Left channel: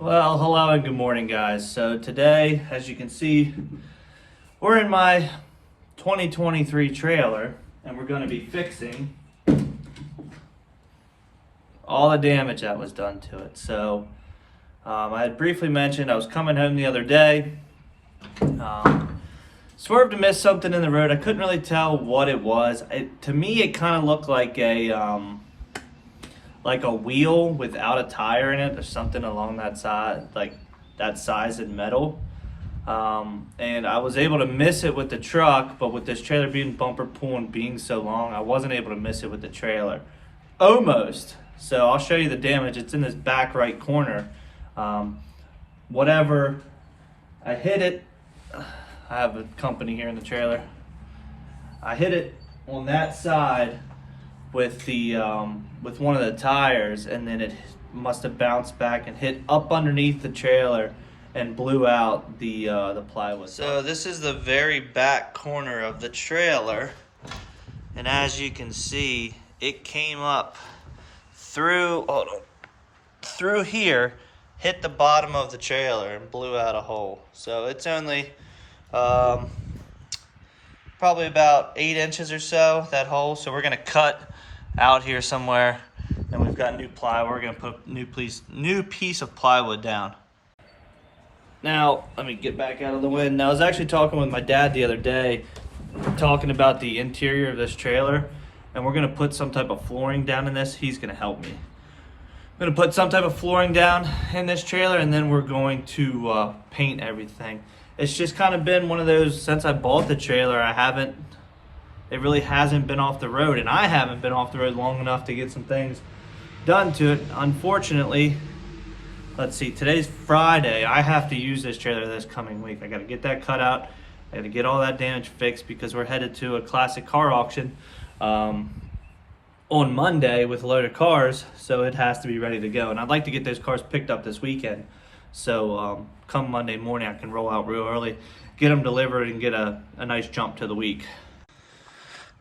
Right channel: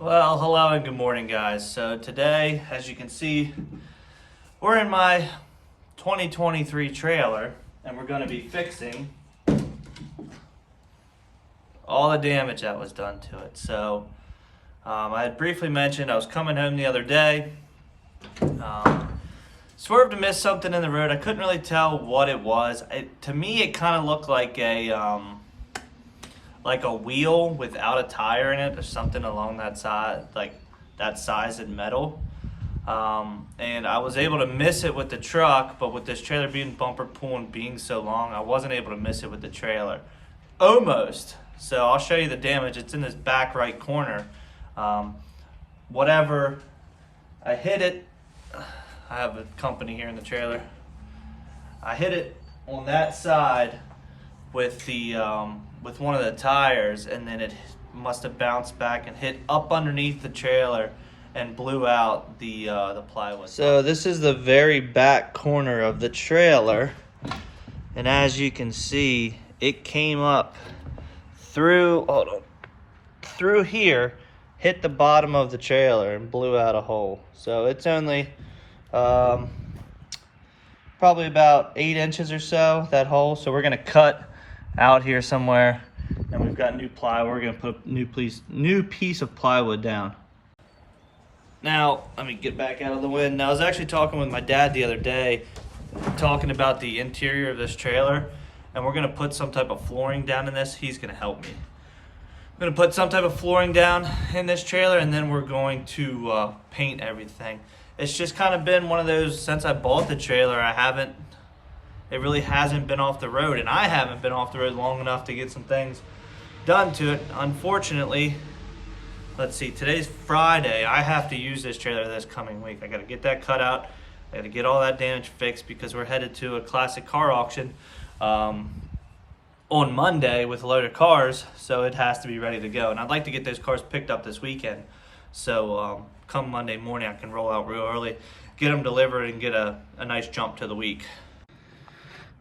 Well, hello and good morning, guys. So today, as you can see, we're in my 2023 trailer and we're going to be fixing all the damage that was done to it. So I had briefly mentioned I was coming home the other day, swerved to miss something in the road. I couldn't really tell what it was. To me, it kind of looked like a wheel without a tire in it or something along that side, like that size in metal. And I was able to miss it with the truck, but with this trailer being bumper pull and being so long, I wasn't able to miss it with the trailer. Almost. So I'll show you the damage. It's in this back right corner. Whatever, I hit it. I have a company here in the trailer. I hit it on that side with the with one of the tires, and then it must have bounced back and hit up underneath the trailer and blew out the plywood. So this is the very back corner of the trailer, and as you can see, it came up through here, hit the bottom of the trailer and blew out a hole. So it's only probably about 8 inches or so, that hole. So we're gonna cut out here somewhere, and we've got new plywood. We're gonna put a new piece of plywood down. Now, let me get back out of the wind. Now, I was actually talking with my dad the other day, talking about the interior of this trailer, and we're gonna put some type of flooring down in this. He's gonna help me. I'm gonna put some type of flooring down in this trailer, and then we're going to paint everything. It's just kind of been one of those, since I bought the trailer, it really hasn't been off the road, and I haven't been off the road long enough to get some things done to it. Unfortunately, let's see, today's Friday. I have to use this trailer this coming week. I got to get that cut out. I got to get all that damage fixed because we're headed to a classic car auction on Monday with a load of cars, so it has to be ready to go. And I'd like to get those cars picked up this weekend, so come Monday morning I can roll out real early, get them delivered, and get a nice jump to the week.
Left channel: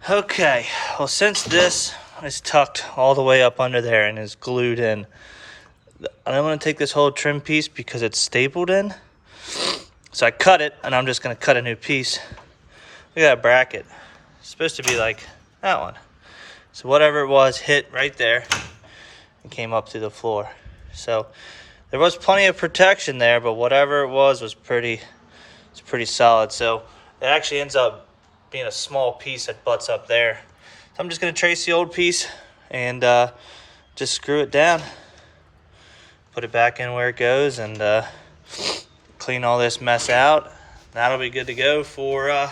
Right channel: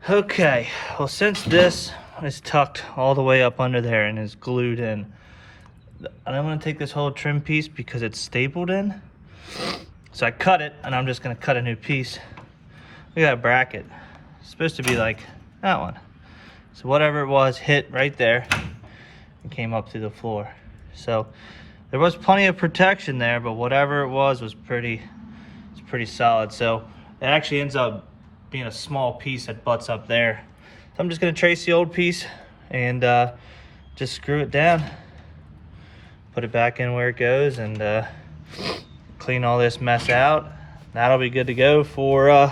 Okay, well, since this is tucked all the way up under there and is glued in, I don't want to take this whole trim piece because it's stapled in. So I cut it, and I'm just going to cut a new piece. Look at that bracket. It's supposed to be like that one. So whatever it was hit right there and came up through the floor. So there was plenty of protection there, but whatever it was pretty solid. So it actually ends up being a small piece that butts up there. So I'm just gonna trace the old piece and just screw it down, put it back in where it goes, and clean all this mess out. That'll be good to go for,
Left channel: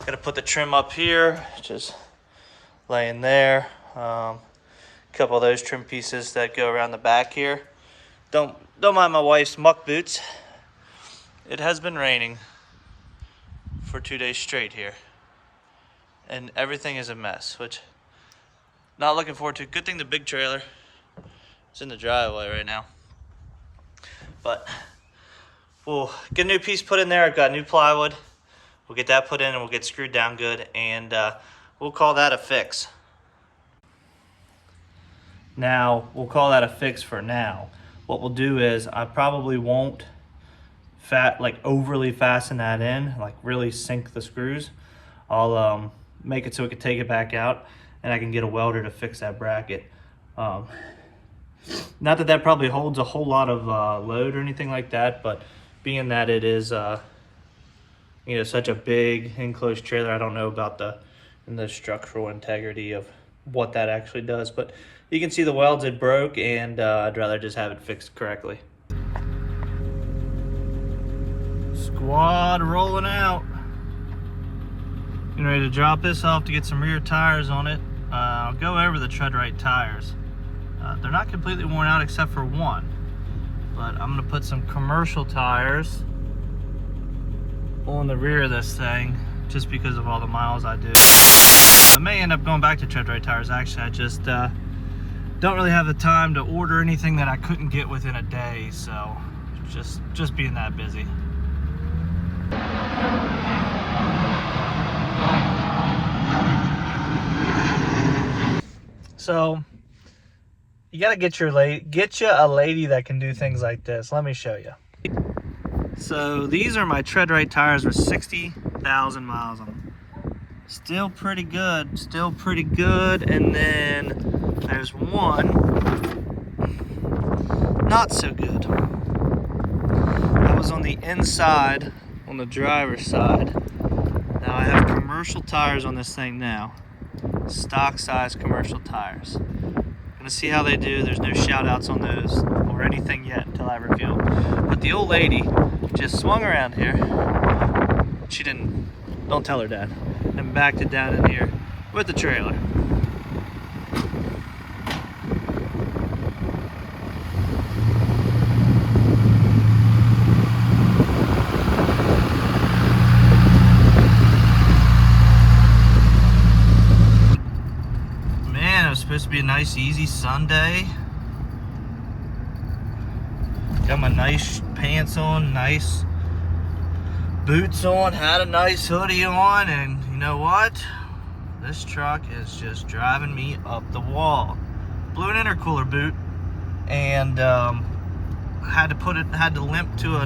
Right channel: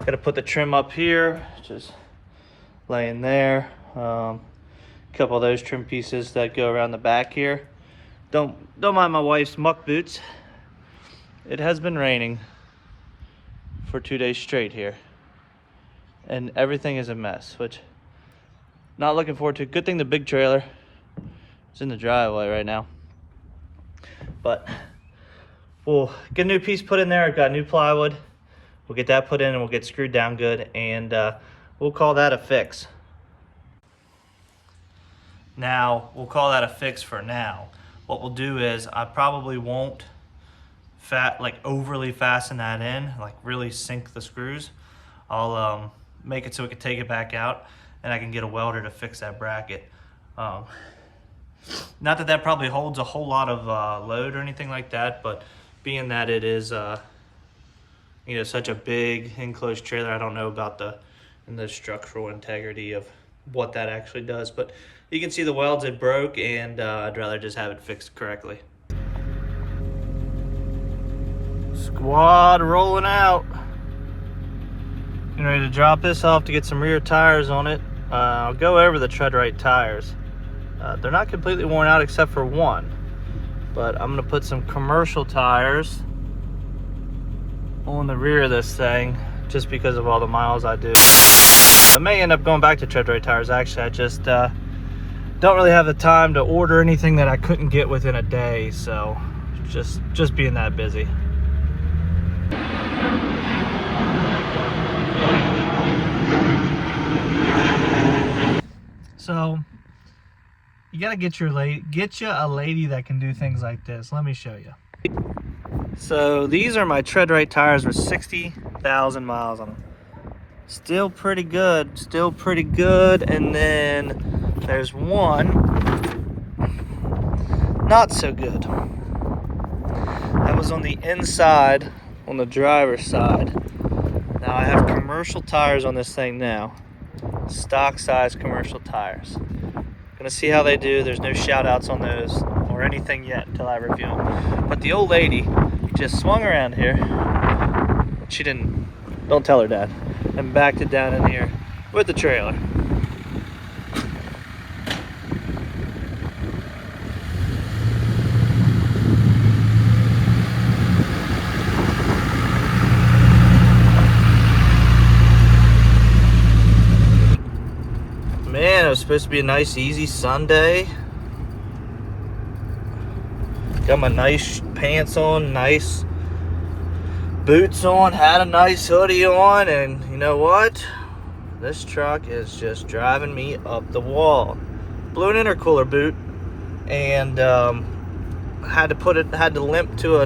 gotta put the trim up here, just laying there. A couple of those trim pieces that go around the back here. Don't mind my wife's muck boots. It has been raining for 2 days straight here, and everything is a mess, which not looking forward to. Good thing the big trailer is in the driveway right now. But we'll get a new piece put in there. I've got new plywood. We'll get that put in and we'll get screwed down good, and we'll call that a fix. Now, we'll call that a fix for now. What we'll do is I probably won't overly fasten that in, like really sink the screws. I'll make it so we can take it back out, and I can get a welder to fix that bracket. Not that that probably holds a whole lot of load or anything like that, but being that it is such a big enclosed trailer, I don't know about the structural integrity of what that actually does, but you can see the welds had broke, and I'd rather just have it fixed correctly. Squad rolling out. Getting ready to drop this off to get some rear tires on it. I'll go over the Tread-Rite tires. They're not completely worn out except for one, but I'm gonna put some commercial tires on the rear of this thing just because of all the miles I do. I may end up going back to Tread-Rite tires. Actually, I just don't really have the time to order anything that I couldn't get within a day, so just being that busy. So You gotta get you a lady that can do things like this. Let me show you. So these are my tread right tires with 60,000 miles on them. Still pretty good, and then there's one not so good. That was on the inside, on the driver's side. Now I have commercial tires on this thing now. Stock size commercial tires. Gonna see how they do. There's no shout outs on those or anything yet until I review them. But the old lady just swung around here. She didn't, don't tell her dad, and backed it down in here with the trailer. Man, it was supposed to be a nice, easy Sunday. Got my nice pants on, nice boots on, had a nice hoodie on, and you know what? This truck is just driving me up the wall. Blew an intercooler boot, and had to limp to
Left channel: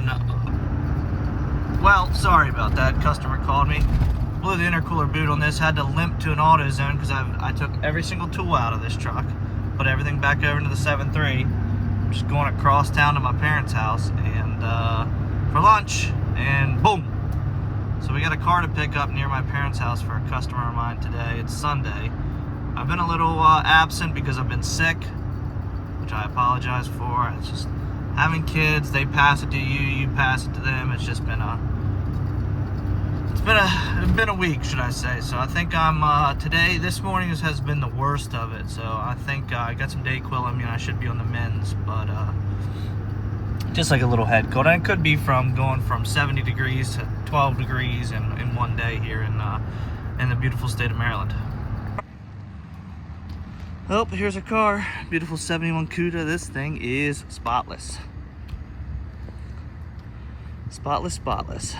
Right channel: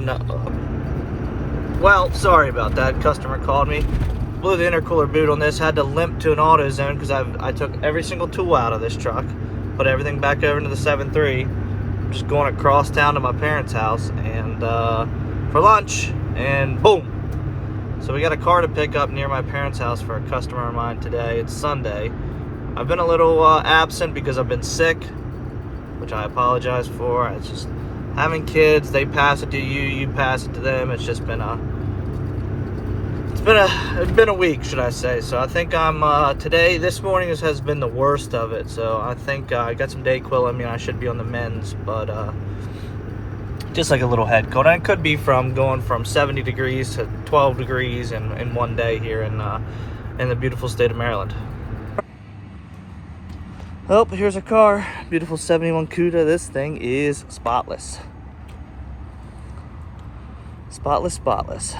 well, sorry about that. Customer called me. Blew the intercooler boot on this, had to limp to an AutoZone because I took every single tool out of this truck, put everything back over into the 7.3, just going across town to my parents' house and for lunch, and boom. So we got a car to pick up near my parents' house for a customer of mine today. It's Sunday. I've been a little absent because I've been sick, which I apologize for. It's just having kids, they pass it to you, you pass it to them. It's just been it's been a week, should I say. So I think I'm this morning has been the worst of it. So I think I got some Dayquil in me and I should be on the mends, but just like a little head cold. And it could be from going from 70 degrees to 12 degrees in one day here in the beautiful state of Maryland. Oh, here's a car. Beautiful 71 Cuda. This thing is spotless. Spotless, spotless.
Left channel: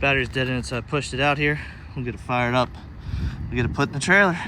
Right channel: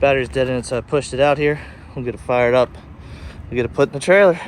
Battery's dead in it, so I pushed it out here. We'll get it fired up. We'll get it put in the trailer.